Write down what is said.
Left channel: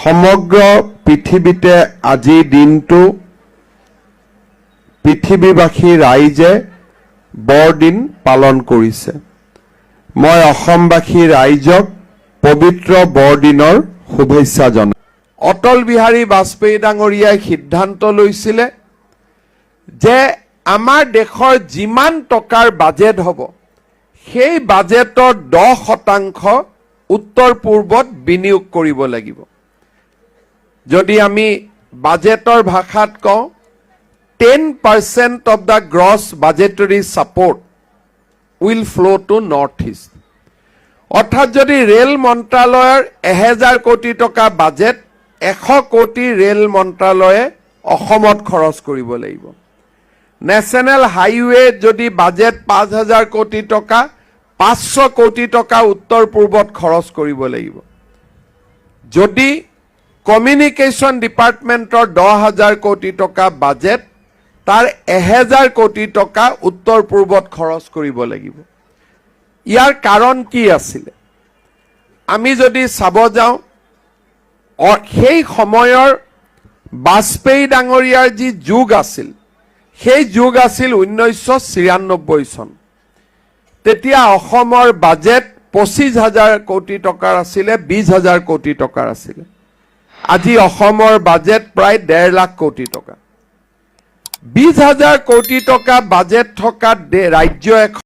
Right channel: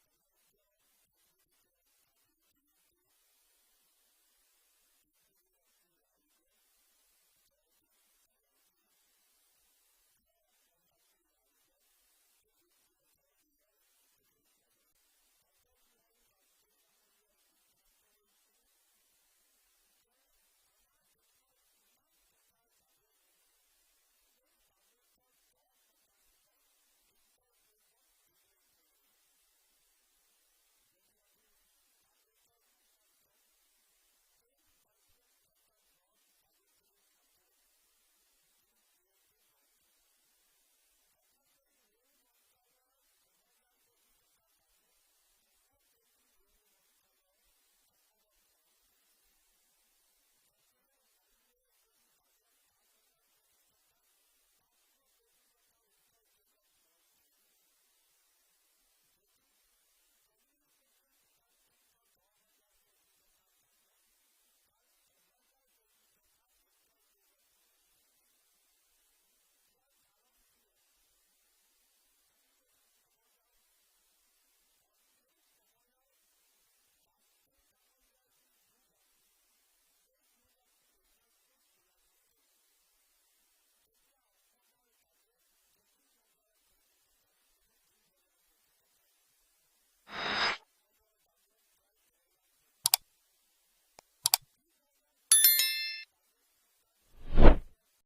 সমগ্ৰ পৃথিৱীতে আজিৰ দিনটো পৃথিৱীবাসী ৰাইজে বৰদিন পালন কৰিছে। মই অসমবাসী ৰাইজক পবিত্ৰ বৰদিনৰ শুভেচ্ছা জনাওঁ। অটল বিহাৰী বাজপেয়ী ডাঙৰীয়াই সিদ্ধান্ত লৈছিলে যে আমাৰ দেশৰ যিমান টকাৰ বাজেট হ'ব সেই বাজেটৰ 10% উত্তৰ পূৰ্বত বিনিয়োগ কৰিব লাগিব। যদি আমি বাজেটৰ ভাষাত কওঁ 10% of the gross budgetary support will flow to North East. অৰ্থাৎ যদি ৰেল মন্ত্ৰালয়ৰ 1000 কোটি টকা বাজেট 100 কোটি ৰেল মন্ত্ৰালয়ে অসমত খৰচ কৰিব লাগিব। নেশ্যনেল হাইৱে যদি বাজেট 5000 কোটি টকা 500 কোটি টকা উত্তৰ পূৰ্বত খৰচ কৰিব লাগিব। যদি কমিউনিকেশ্যন ডিপাৰ্টমেণ্টৰ 10000 কোটি টকা বাজেট তাৰ 1000 কোটি টকা উত্তৰ পূৰ্বত খৰচ কৰিব লাগিব। ইয়াৰ কাৰণ কি আছিলে? আমি যদি চাব যাওঁ সেই সময়ৰ বাজপেয়ী ডাঙৰীয়াৰ যি যুগ আছিল সেই যুগ আছিল 1993 চন। তেতিয়া অসমৰ বাজেট 25000 কোটি টকাৰ আছিলে, 20000 কোটি টকাৰ আছিলে। আজি অসমৰ বাজেট প্ৰায় 1.5 লাখ কোটি টকা। 20000 কোটি টকা বাজেট থকা ৰাজ্য এখন